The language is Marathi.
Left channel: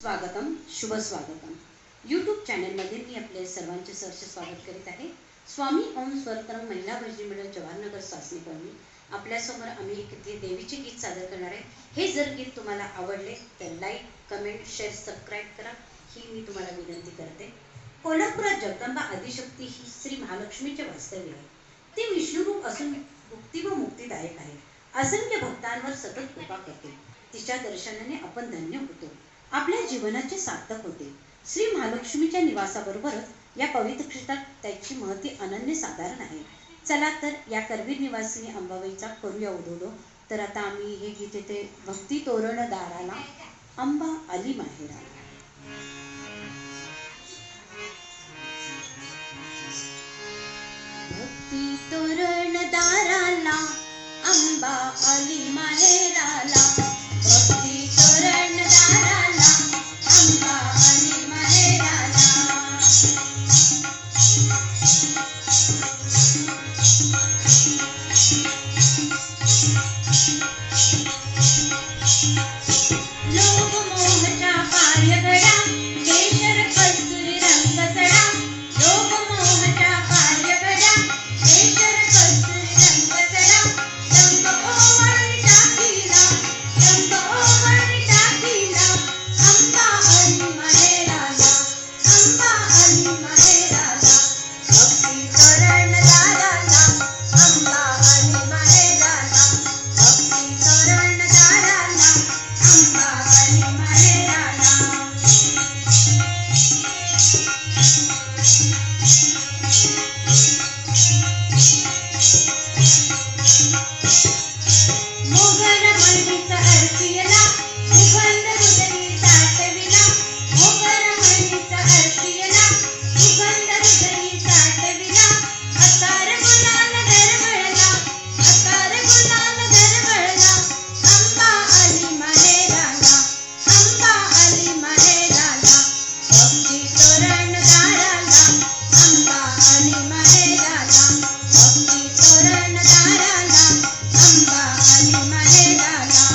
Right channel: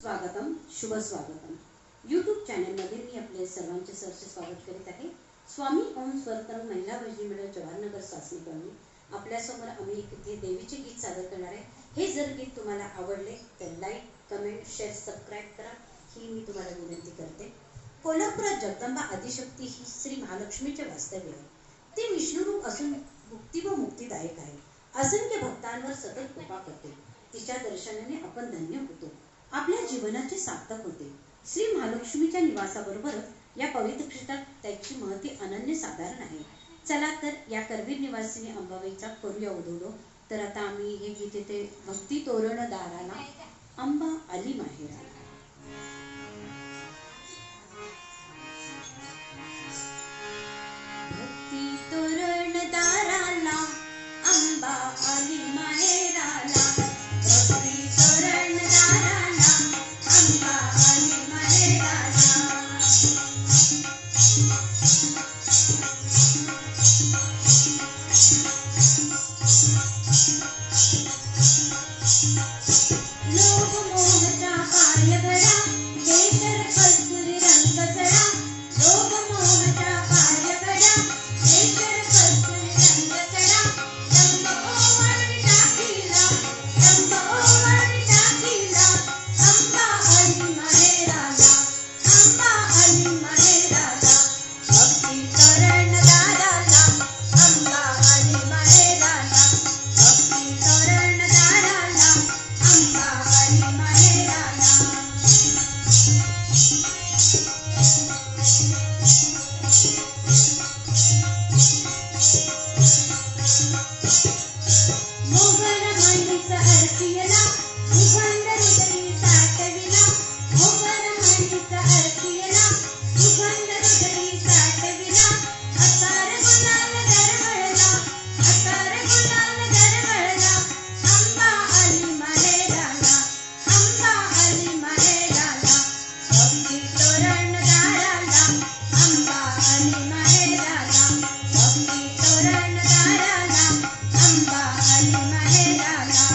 स्वागतम शुभ स्वागतम यूट्यूब चॅनलमध्ये मी आपले सर्वांचे सहर्ष स्वागत करीत आहे। स्वामी ओम स्वरतरंग महिला भजनी मंडळ जवाहरनगर सासणी कॉलनी आपल्यासमोर आम्ही एक देवीचे गीत सादर करणार आहे। हे जर गीत तुम्हाला आवडले तर लाईक कमेंट शेअर सबस्क्राइब करा ही मी तुम्हाला विनंती करते। कोल्हापुरात जगदंबा आदिशक्ती ही श्री महालक्ष्मीचे वास्तव्य आहे। ती विष्णू रूप असून मुक्ती व मुक्तिदायक आहे। असंख्य भक्तांवर सतत कृपा करते। तिच्या दर्शनाने आपण धन्य होतो, आपल्या जीवनाचे सार्थक होते। श्री महालक्ष्मीच्या निवासाबरोबरच या पवित्र क्षेत्रात त्याची महती अनन्य साधारण आहे। चला तर या करवीर निवासिनी अंबाबाईचा करूया उदोदो। तर आता आम्ही हे गीत येते भक्ती तोरण दाराला अंबा आली माहेराला। भक्ती तोरण दाराला अंबा आली माहेराला। भक्ती तोरण दाराला अंबा आली माहेराला। लोभ मोहच्या पायगडा केशर कस्तुरी रंग सडा। लोभ मोहच्या पायगडा केशर कस्तुरी रंग सडा। रंग ओवाळी टाकीला रंग ओवाळी टाकीला अंबा आली माहेराला अंबा आली माहेराला। भक्ती तोरण दाराला अंबा आली माहेराला। भक्ती तोरण दाराला अंबा आली माहेराला। मोगल मणीचा अर्पियला सुगंध हृदयी साठविला। मोगल मणीचा अर्पियला सुगंध हृदयी साठविला। अकार गुलाल दरवळला अकार गुलाल दरवळला अंबा आली माहेराला अंबा आली माहेराला। भक्ती तोरण दाराला अंबा आली माहेराला। भक्ती तोरण दाराला अंबा आली माहेराला।